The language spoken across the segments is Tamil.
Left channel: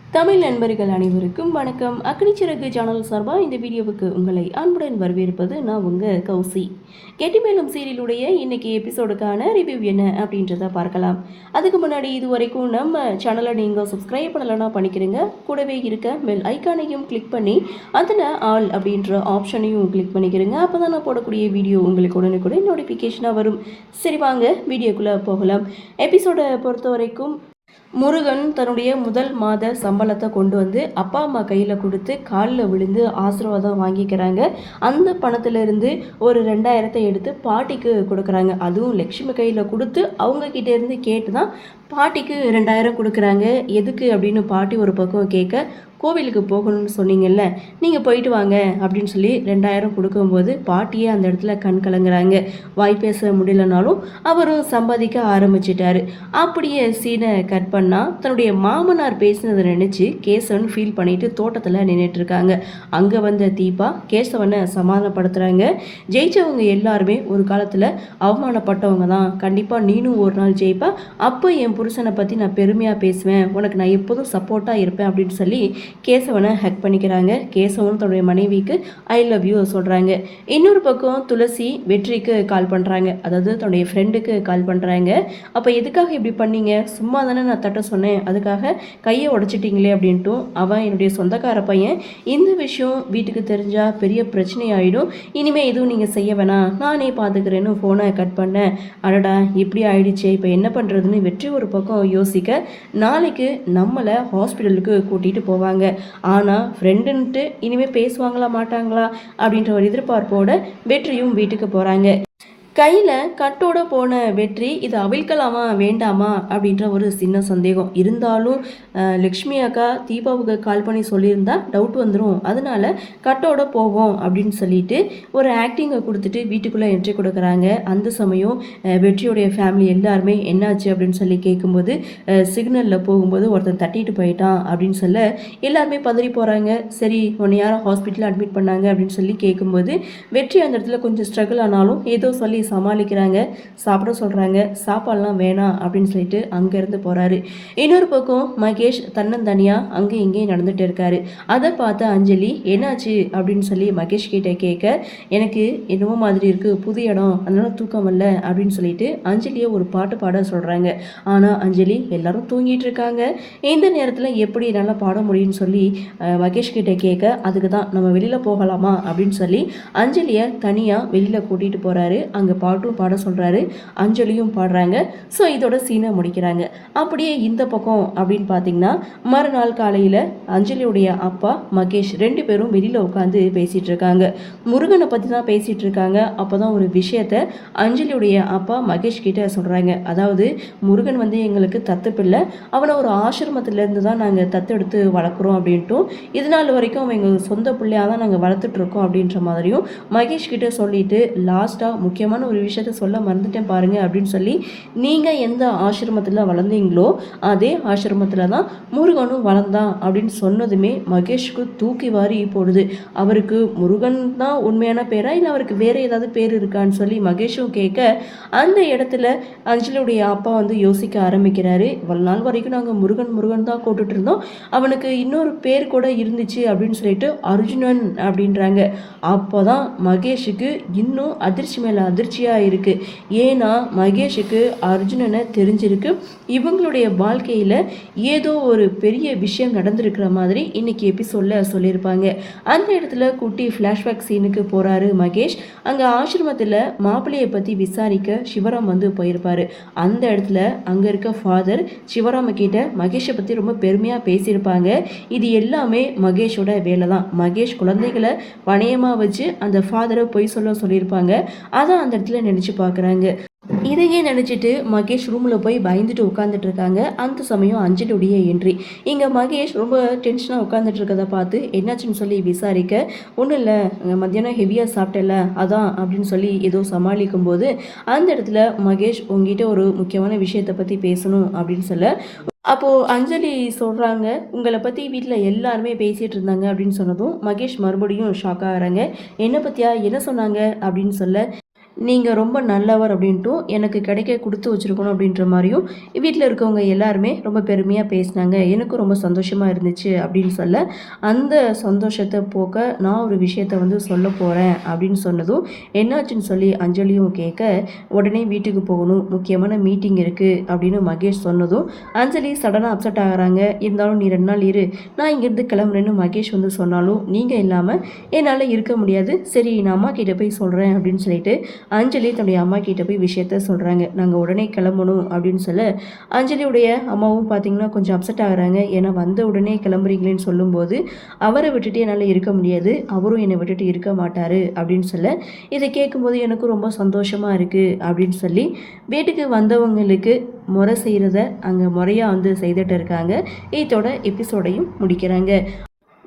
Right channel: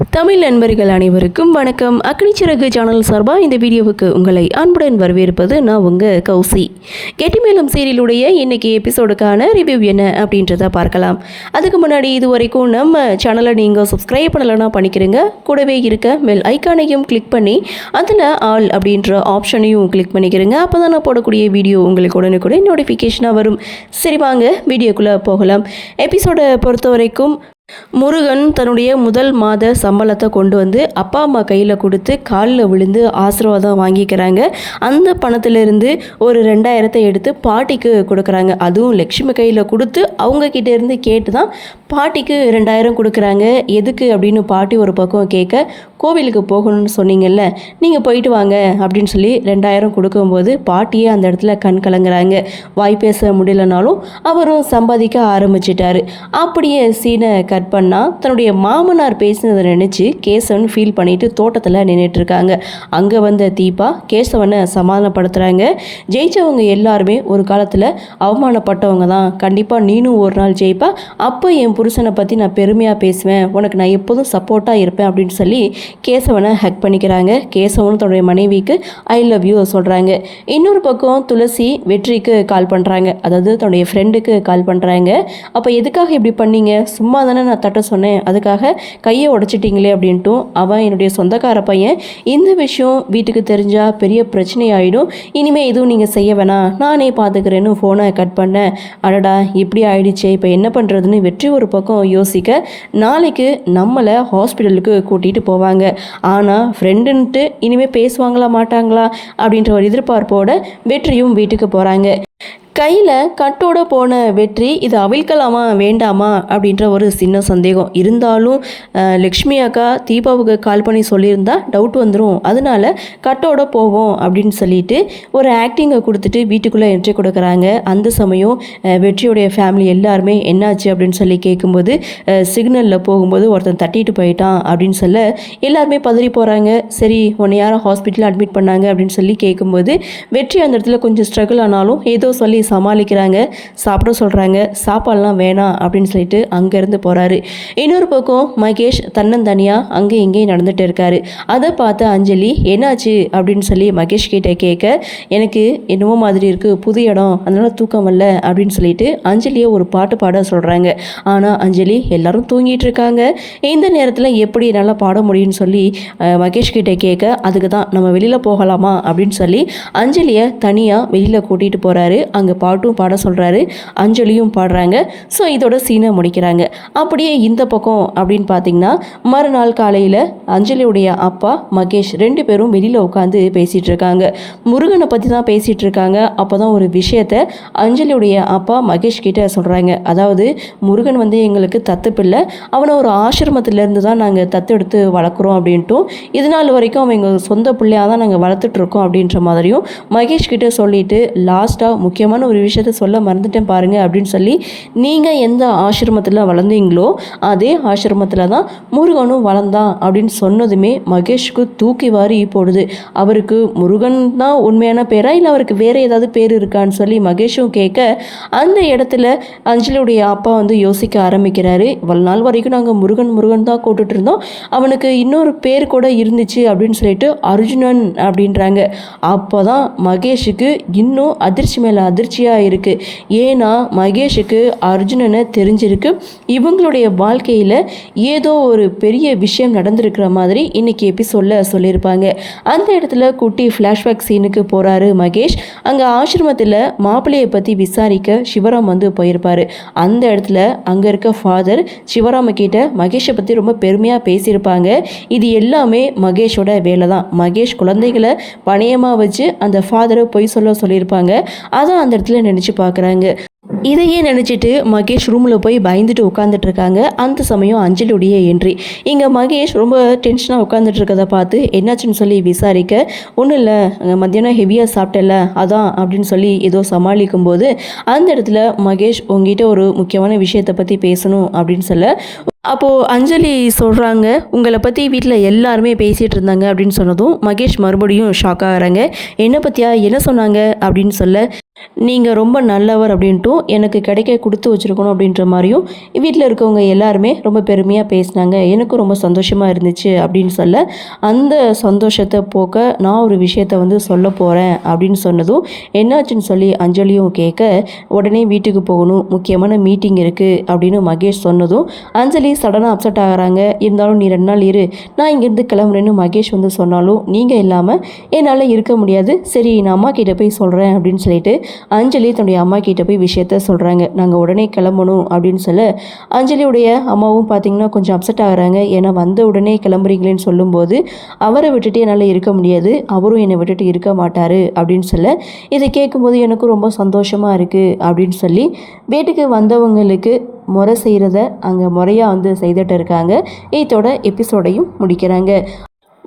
தமிழ் நண்பர்கள் அனைவருக்கும் வணக்கம். அக்னிச்சிறகு சேனல் சார்பாக இந்த வீடியோவுக்கு உங்களை அன்புடன் வரவேற்பது நான் உங்கள் கௌசி. கெட்டிமேளம் சீரியலுடைய இன்னைக்கு எபிசோடுக்கான ரிவ்யூ என்ன அப்படின்றத பார்க்கலாம். அதுக்கு முன்னாடி இது வரைக்கும் நம்ம சேனலை நீங்கள் சப்ஸ்கிரைப் பண்ணலைன்னா பண்ணிக்கிறங்க. கூடவே இருக்க பெல் ஐக்கானையும் கிளிக் பண்ணி அதில் ஆல் அப்படின்ற ஆப்ஷனையும் கிளிக் பண்ணிக்கிறங்க. அப்போ தான் நான் போடக்கூடிய வீடியோ உங்களுக்கு உடனுக்குடன் நோட்டிஃபிகேஷனாக வரும். சரி வாங்க வீடியோக்குள்ளே போகலாம். எபிசோடை பொறுத்த வரைக்கும் முருகன் தன்னுடைய முதல் மாத சம்பளத்தை கொண்டு வந்து அப்பா அம்மா கையில் கொடுத்து காலில் விழுந்து ஆசீர்வாதம் வாங்கிக்கிறாங்க. அந்த பணத்திலிருந்து ஒரு 2000 எடுத்து பாட்டிக்கு கொடுக்குறாங்க. அதுவும் லக்ஷ்மி கையில் கொடுத்து அவங்கக்கிட்ட இருந்து கேட்டு தான் பாட்டிக்கு 2000 கொடுக்குறாங்க. எதுக்கு அப்படின்னு பாட்டி ஒரு பக்கம் கேட்க, கோவிலுக்கு போகணும்னு சொன்னீங்கல்ல, நீங்கள் போயிட்டு வாங்க அப்படின்னு சொல்லி 2000 கொடுக்கும்போது பாட்டியே அந்த இடத்துல கண் கலங்குறாங்க. வாய் பேச முடியலனாலும் அவரும் சம்பாதிக்க ஆரம்பிச்சிட்டாரு. அப்படியே சீனை கட் பண்ணால் தன்னுடைய மாமனார் பேசினதை நினச்சி கேசவன் ஃபீல் பண்ணிட்டு தோட்டத்தில் நின்றுட்டு இருக்காங்க. அங்கே வந்த தீபா கேசவனை சமாதானப்படுத்துகிறாங்க. ஜெயிச்சவங்க எல்லாருமே ஒரு காலத்தில் அவமானப்பட்டவங்க தான், கண்டிப்பாக நீனும் ஒரு நாள் ஜெயிப்பா, அப்போ என் புருஷனை பற்றி நான் பெருமையாக பேசுவேன், உனக்கு நான் எப்போதும் சப்போர்ட்டாக இருப்பேன் அப்படின்னு சொல்லி கேசவனை ஹக் பண்ணிக்கிறாங்க. கேசவனும் தன்னுடைய மனைவிக்கு ஐ லவ் யூ சொல்கிறாங்க. இன்னொரு பக்கம் துளசி வெற்றிக்கு கால் பண்ணுறாங்க, அதாவது தன்னுடைய ஃப்ரெண்டுக்கு கால் பண்ணுறாங்க. அப்போ எதுக்காக இப்படி பண்ணீங்க, சும்மா தானே நான் தட்ட சொன்னேன், அதுக்காக கையை உடச்சிட்டிங்களே அப்படின்ட்டும். அவன் என்னுடைய சொந்தக்கார பையன், இந்த விஷயம் வீட்டுக்கு தெரிஞ்சால் பெரிய பிரச்சனை ஆகிடும், இனிமேல் எதுவும் நீங்கள் செய்ய வேணாம், நானே பார்த்துக்கிறேன்னு ஃபோனை கட் பண்ணேன். அடடா இப்படி ஆயிடுச்சே, இப்போ என்ன பண்ணுறதுன்னு வெற்றி ஒரு பக்கம் யோசிக்க, நாளைக்கு நம்மளை ஹாஸ்பிட்டலுக்கு கூட்டிகிட்டு போவாங்க, ஆனால் ஃப்ரெண்டுன்ட்டு இனிமேல் பேசுவாங்களா மாட்டாங்களா அப்படின்ற ஒரு எதிர்பார்ப்போட வெற்றியும் வீட்டுக்கு போகிறாங்க. கையில் கட்டோட போன வெற்றி இது அவிழ்க்கலாமா வேண்டாமா அப்படின்ற ஒரு சின்ன சந்தேகம் இருந்தாலும் லக்ஷ்மி அக்கா தீபாவுக்கு கால் பண்ணி சொல்லியிருந்தா டவுட் வந்துடும், அதனால கட்டோட போவோம் அப்படின்னு சொல்லிட்டு ஒரு ஆக்டிங்கை கொடுத்துட்டு வீட்டுக்குள்ளே என்ட்ரி கொடுக்குறாங்க. அந்த சமயம் வெற்றியுடைய ஃபேமிலி எல்லாருமே என்னாச்சு அப்படின்னு சொல்லி கேட்கும்போது, சிக்னலில் போகும்போது ஒருத்தன் தட்டிட்டு போயிட்டான் அப்படின்னு சொல்ல எல்லாருமே பதறி போகிறாங்க. சரி உன்னை யாரும் ஹாஸ்பிட்டலில் அட்மிட் பண்ணாங்க அப்படின்னு சொல்லி கேட்கும்போது வெற்றி அந்த இடத்துல கொஞ்சம் ஸ்ட்ரகிள் ஆனாலும் ஏதோ சொல்லி சமாளிக்கிறாங்க. சாப்பிட சொல்கிறாங்க, சாப்பாடெல்லாம் வேணாம் அப்படின்னு சொல்லிட்டு அங்கேருந்து போகிறாரு. இன்னொரு பக்கம் மகேஷ் தன்னந்தனியாக அங்கே இங்கேயும் நடந்துகிட்டு இருக்காரு. அதை பார்த்து அஞ்சலி என்னாச்சு அப்படின்னு சொல்லி மகேஷ் கிட்டே கேட்க, எனக்கு என்னவோ மாதிரி இருக்குது, புது இடம், அதனால தூக்கம் வரல அப்படின்னு சொல்லிட்டு அஞ்சலியை ஒரு பாட்டு பாட சொல்கிறாங்க. ஆனால் அஞ்சலி எல்லாரும் தூங்கிட்டு இருக்காங்க. இந்த நேரத்தில் எப்படி நல்லா பாட முடியும்னு சொல்லி மகேஷ் கிட்டே கேட்க, அதுக்கு தான் நம்ம வெளியில் போகலாமா அப்படின்னு சொல்லி அஞ்சலியை தனியாக வெளியில் கூட்டிகிட்டு போகிறாரு. அங்கே பாட்டும் பாட சொல்கிறாரு, அஞ்சலியும் பாடுறாங்க. ஸோ இதோட சீனை முடிக்கிறாங்க. அப்படியே இந்த பக்கம் அப்படின்னு பார்த்தீங்கன்னா, மறுநாள் காலையில் அஞ்சலியுடைய அப்பா மகேஷ் 2 பேரும் வெளியில் உட்காந்து பேசிகிட்டு இருக்காங்க. முருகனை பற்றி தான் பேசிகிட்டு இருக்காங்க. அப்போ தான் ஒரு விஷயத்தை அஞ்சலியுடைய அப்பா மகேஷ் கிட்ட சொல்கிறாங்க. அதாவது முருகன் எங்களுக்கு தத்து பிள்ளை, அவனை ஒரு ஆசிரமத்திலேருந்து தான் நாங்கள் தத்தெடுத்து வளர்க்குறோம் அப்படின்ட்டும், இதனால் வரைக்கும் அவன் எங்கள் சொந்த பிள்ளையாக தான் நாங்கள் வளர்த்துட்ருக்கோம் அப்படின்ற மாதிரியும் மகேஷ் கிட்ட சொல்லிட்டு லாஸ்ட்டாக முக்கியமான ஒரு விஷயத்த சொல்ல மறந்துட்டேன் பாருங்கள் அப்படின்னு சொல்லி, நீங்கள் எந்த ஆசிரமத்தில் வளர்ந்தீங்களோ அதே ஆசிரமத்தில் தான் முருகனும் வளர்ந்தான் அப்படின்னு சொன்னதுமே மகேஷுக்கு தூக்கி வாரி போடுது. அவருக்கு முருகன் தான் உண்மையான பேரா இல்லை அவருக்கு வேறு ஏதாவது பேர் இருக்கான்னு சொல்லி மகேஷும் கேட்க, அந்த இடத்துல அஞ்சலியுடைய அப்பா யோசிக்க ஆரம்பிக்கிறாரு. இவ்வளோ நாள் வரைக்கும் நாங்கள் முருகன் முருகன் தான் கூட்டுட்டு இருந்தோம், அவனுக்கு இன்னொரு பேர் கூட இருந்துச்சு அப்படின்னு சொல்லிட்டு அர்ஜுனன் அப்படின்றாங்க. அப்போ தான் மகேஷுக்கு இன்னும் அதிர்ச்சி மேலே அதிர்ச்சியாக இருக்குது. ஏன்னா மகேஷுக்கு அர்ஜுனனை தெரிஞ்சிருக்கு, இவங்களுடைய வாழ்க்கையில் ஏதோ ஒரு பெரிய விஷயம் நடந்திருக்கிற மாதிரி இன்னைக்கு எபிசோடில் சொல்லியிருப்பாங்க. அந்த இடத்துல குட்டி ஃப்ளாஷ்பேக் சீனுக்கு போகிறாரு மகேஷ். அங்கே ஆசிரமத்தில் மாப்பிள்ளையை பற்றி விசாரிக்க சிவராம் போயிருப்பார். அந்த இடத்துல அங்கே இருக்க ஃபாதர் சிவராம கிட்ட மகேஷை பற்றி ரொம்ப பெருமையாக பேசியிருப்பாங்க. இது எல்லாமே மகேஷோட வேலை தான். மகேஷ் குழந்தைகளை பணையமாக வச்சு அந்த ஃபாதரை பொய் சொல்லியிருப்பாங்க. அதான் அந்த இடத்துல நினச்சி பார்க்குறாங்க. இதையே நினச்சிட்டு மகேஷ் ரூமில் போய் பயந்துட்டு உட்காந்துட்டு இருக்காங்க. அந்த சமயம் அஞ்சலியுடைய என்ட்ரி. இங்கே மகேஷ் ரொம்ப டென்ஷனாக உட்காந்துட்டு இருக்கதை பார்த்து என்னாச்சுன்னு சொல்லி விசாரிக்க, ஒன்றும் இல்லை மத்தியானம் ஹெவியாக சாப்பிட்டல அதான் அப்படின்னு சொல்லி ஏதோ சமாளிக்கும் போது அந்த இடத்துல மகேஷ் உங்ககிட்ட ஒரு முக்கியமான விஷயத்தை பற்றி பேசணும் அப்படின்னு சொல்ல, அப்போது அஞ்சலி சொல்கிறாங்க, உங்களை பற்றி வீட்டில் எல்லாருமே பேசிகிட்டு இருந்தாங்க அப்படின்னு சொன்னதும் மகேஷ் மறுபடியும் ஷாக் ஆகிறாங்க. என்னை பற்றியா, என்ன சொன்னாங்க அப்படின்னு சொல்ல, நீங்கள் ரொம்ப நல்லவர் அப்படின்ட்டும் எனக்கு கிடைக்க கொடுத்து வச்சுருக்கணும் அப்படின்ற மாதிரியும் வீட்டில் இருக்கவங்க எல்லாருமே ரொம்ப பெருமையாக பேசினாங்க. எனக்கும் ரொம்ப சந்தோஷமாக இருந்துச்சு அப்படின்னு சொல்ல, அந்த சந்தோஷத்தை போக்க நான் ஒரு விஷயத்த வந்து சொல்ல போகிறேன் அப்படின்னு சொன்னதும் என்னாச்சுன்னு சொல்லி அஞ்சலியும் கேட்க, உடனே வீட்டுக்கு போகணும், முக்கியமான மீட்டிங் இருக்குது அப்படின்னு மகேஷ் சொன்னதும் அஞ்சலி சடனாக அப்செட் ஆகிறாங்க. இருந்தாலும் நீ 2 நாள் இரு, நான் இங்கேருந்து கிளம்புறேன்னு மகேஷ் வந்து சொன்னாலும் நீங்கள் இல்லாமல் என்னால் இருக்க முடியாது, சரி நான் அம்மா கிட்டே போய் சொல்கிறேன் அப்படின்னு சொல்லிட்டு அஞ்சலி தன்னுடைய அம்மா கிட்ட போய் விஷயத்த சொல்கிறாங்க. நாங்கள் உடனே கிளம்பணும் அப்படின்னு சொல்ல, அஞ்சலியுடைய அம்மாவும் பார்த்திங்கன்னா கொஞ்சம் அப்செட் ஆகுறாங்க. ஏன்னா வந்த உடனே கிளம்புறீங்களேன்னு சொல்லும்போது அவரை விட்டுட்டு என்னால் இருக்க முடியாது, அவரும் என்னை விட்டுட்டு இருக்க மாட்டார் அப்படின்னு சொல்ல, இதை கேட்கும்போது எனக்கும் ரொம்ப சந்தோஷமாக இருக்குது அப்படின்னு சொல்லி வீட்டுக்கு வந்தவங்களுக்கு முறை செய்கிறத அங்கே முறையாக வந்து செய்துட்டு இருக்காங்க. இதோட எபிசோடையும் முடிக்கிறாங்க.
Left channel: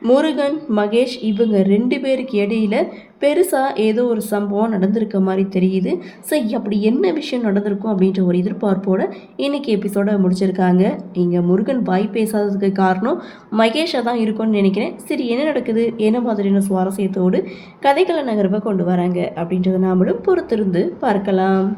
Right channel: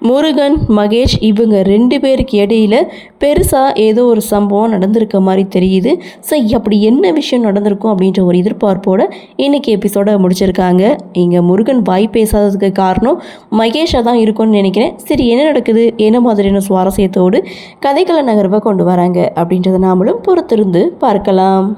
முருகன், மகேஷ் இவங்க 2 பேருக்கு இடையில பெருசாக ஏதோ ஒரு சம்பவம் நடந்திருக்க மாதிரி தெரியுது. ஸோ அப்படி என்ன விஷயம் நடந்திருக்கும் அப்படின்ற ஒரு எதிர்பார்ப்போடு இன்றைக்கி எபிசோட முடிச்சிருக்காங்க. இங்கே முருகன் வாய் பேசாததுக்கு காரணம் மகேஷாக தான் இருக்கும்னு நினைக்கிறேன். சரி என்ன நடக்குது, என்ன மாதிரியான சுவாரஸ்யத்தோடு கதைகளை நகர்வை கொண்டு வராங்க அப்படின்றத நாமளும் பொறுத்திருந்து பார்க்கலாம்.